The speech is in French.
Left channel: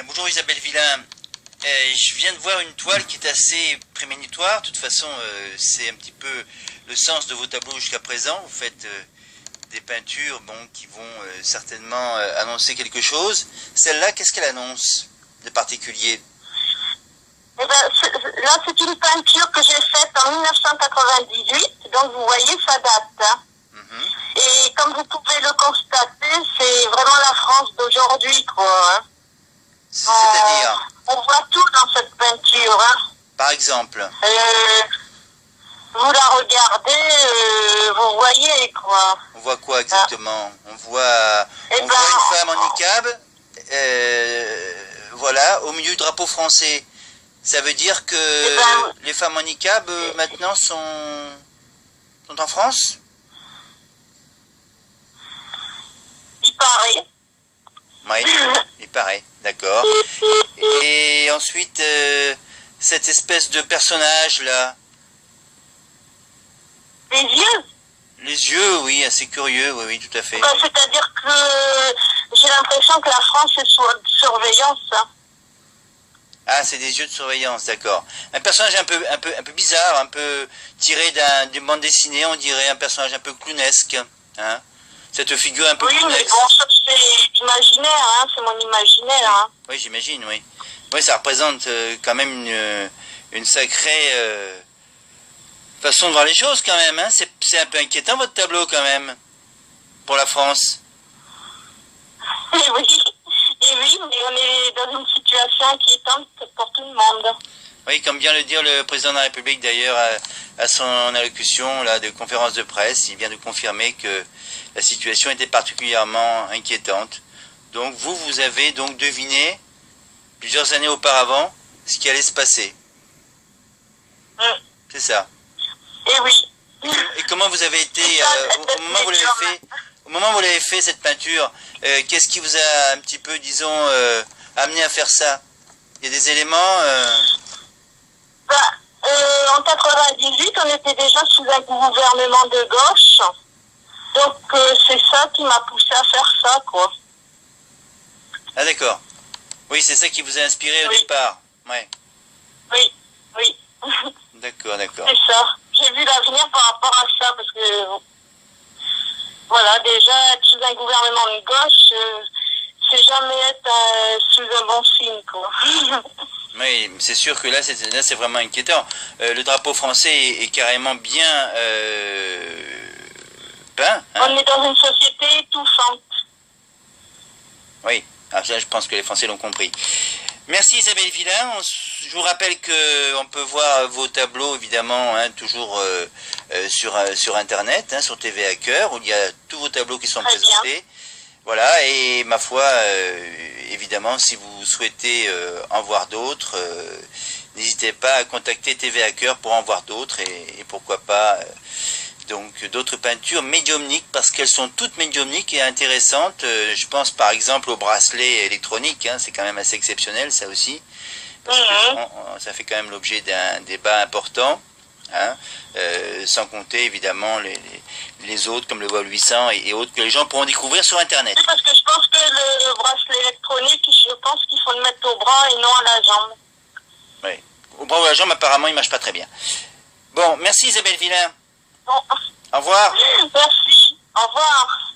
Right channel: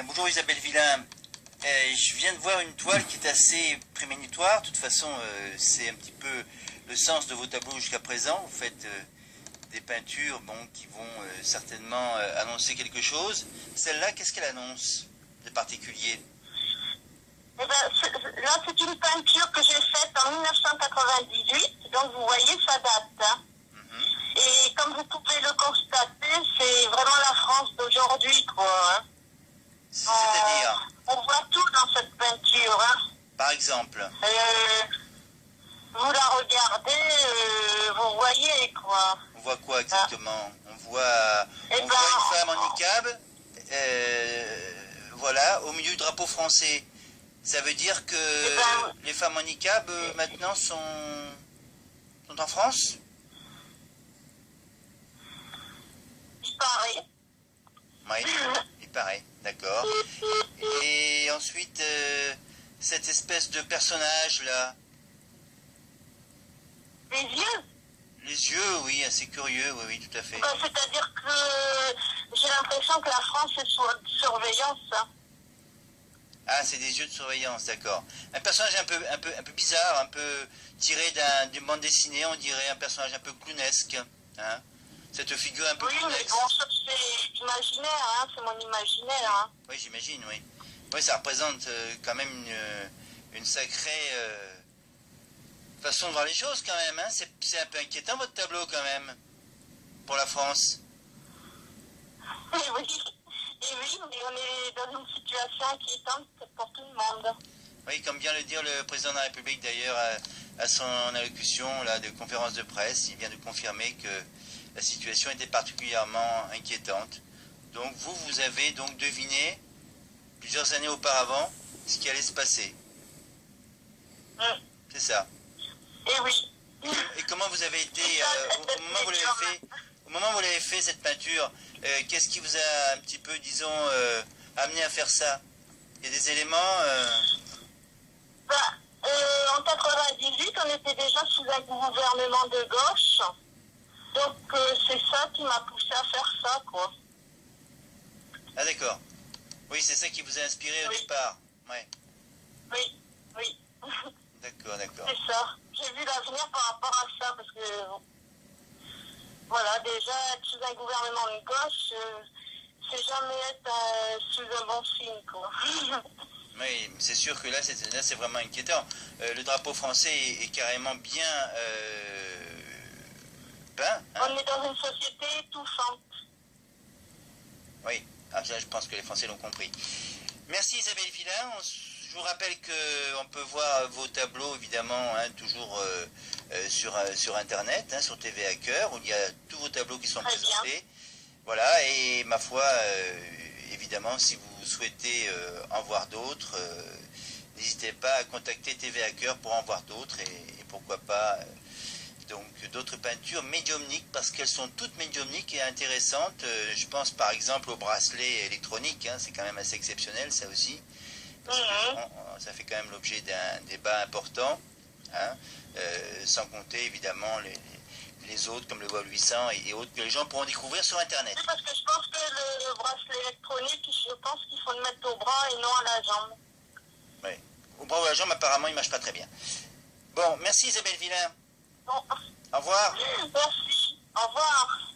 Bien, bonjour Isabelle Villain. Je viens de voir une toile qui est assez prémonitoire. De toute façon, c'est un petit peu le sens de vos tableaux jusqu'à présent. Vous faites des peintures qui vont certainement annoncer quelque chose. Celle-là, qu'est-ce qu'elle annonce de particulier? Eh ben, là, c'est une peinture que j'ai faite en 1998. Donc, vous voyez, ça date. Hein. Et comme vous pouvez le constater, c'est vraiment la France d'aujourd'hui, quoi. Hein. C'est-à-dire, on voit tout dans cette peinture. Hein. par exemple, vous la regardez, vous voyez, quoi. on voit quoi exactement? On voit une femme en niqab, voilà, au milieu du drapeau français. Ça veut dire que les femmes en niqab maintenant sont en France? Il paraît. Oui, il paraît, d'accord. Et ensuite, cette espèce de personnage-là. Les yeux? Les yeux, oui, assez curieux, oui, tout à fait. C'est-à-dire que j'ai l'impression que la France est sous surveillance. Hein. Ah, c'est des yeux de surveillance, d'accord. Un personnage un peu bizarre, un peu tiré d'une bande dessinée, on dirait un personnage un peu clownesque, hein. Cette figure un peu clownesque. Oui, mais bon, ça c'est imaginaire, hein, c'est mon imaginaire. Hein. Oui, j'imagine, oui. Oui, ça représente quand même une sacrée façon de voir les choses, quand même, hein. C'est un peu inquiétant, votre tableau, quand même, pour la France. Et oui, mais on est dans une situation inquiétante pour tout le monde. Oui, comme vient le dire le président de la République, d'ailleurs, à son allocution là, de conférence de presse, il vient de confirmer que la situation était particulièrement inquiétante. Donc vous avez donc deviné, plusieurs années auparavant, ce qui allait se passer. C'est ça. Et oui. Et comment vous avez été, au moment où vous l'avez fait, cette peinture, qu'est-ce qui vous a un petit peu, disons, amené à faire ça? Il y a des éléments... en 98, on était déjà sous un gouvernement de gauche. Donc, c'est ça qui m'a poussé à faire ça, quoi. Ah, d'accord. Oui, c'est ça qui vous a inspiré au départ. Ouais. Oui. D'accord. C'est ça. J'ai vu l'avenir par rapport à ça, parce que, voilà, déjà, être sous un gouvernement de gauche, c'est jamais être sous un bon signe, quoi. Oui, c'est sûr que là, c'est vraiment inquiétant. Le drapeau français est carrément bien peint. Hein. On est dans une société étouffante. Oui, ah, ça, je pense que les Français l'ont compris. Merci Isabelle Villain. Je vous rappelle qu'on peut voir vos tableaux, évidemment, hein, toujours sur Internet, hein, sur TV à Cœur, où il y a tous vos tableaux qui sont présentés. Voilà, et ma foi, évidemment, si vous souhaitez en voir d'autres, n'hésitez pas à contacter TV à Cœur pour en voir d'autres, et pourquoi pas donc d'autres peintures médiumniques, parce qu'elles sont toutes médiumniques et intéressantes. Je pense par exemple au bracelet électronique, hein, c'est quand même assez exceptionnel ça aussi, parce que ça fait quand même l'objet d'un débat important. Hein, sans compter évidemment les autres comme le vol 800 et autres que les gens pourront découvrir sur Internet. Oui, parce que je pense que le bracelet électronique, je pense qu'il faut le mettre au bras et non à la jambe. Oui, au bras ou à la jambe apparemment il ne marche pas très bien. Bon, merci Isabelle Villain. Bon. Au revoir. Merci, au revoir.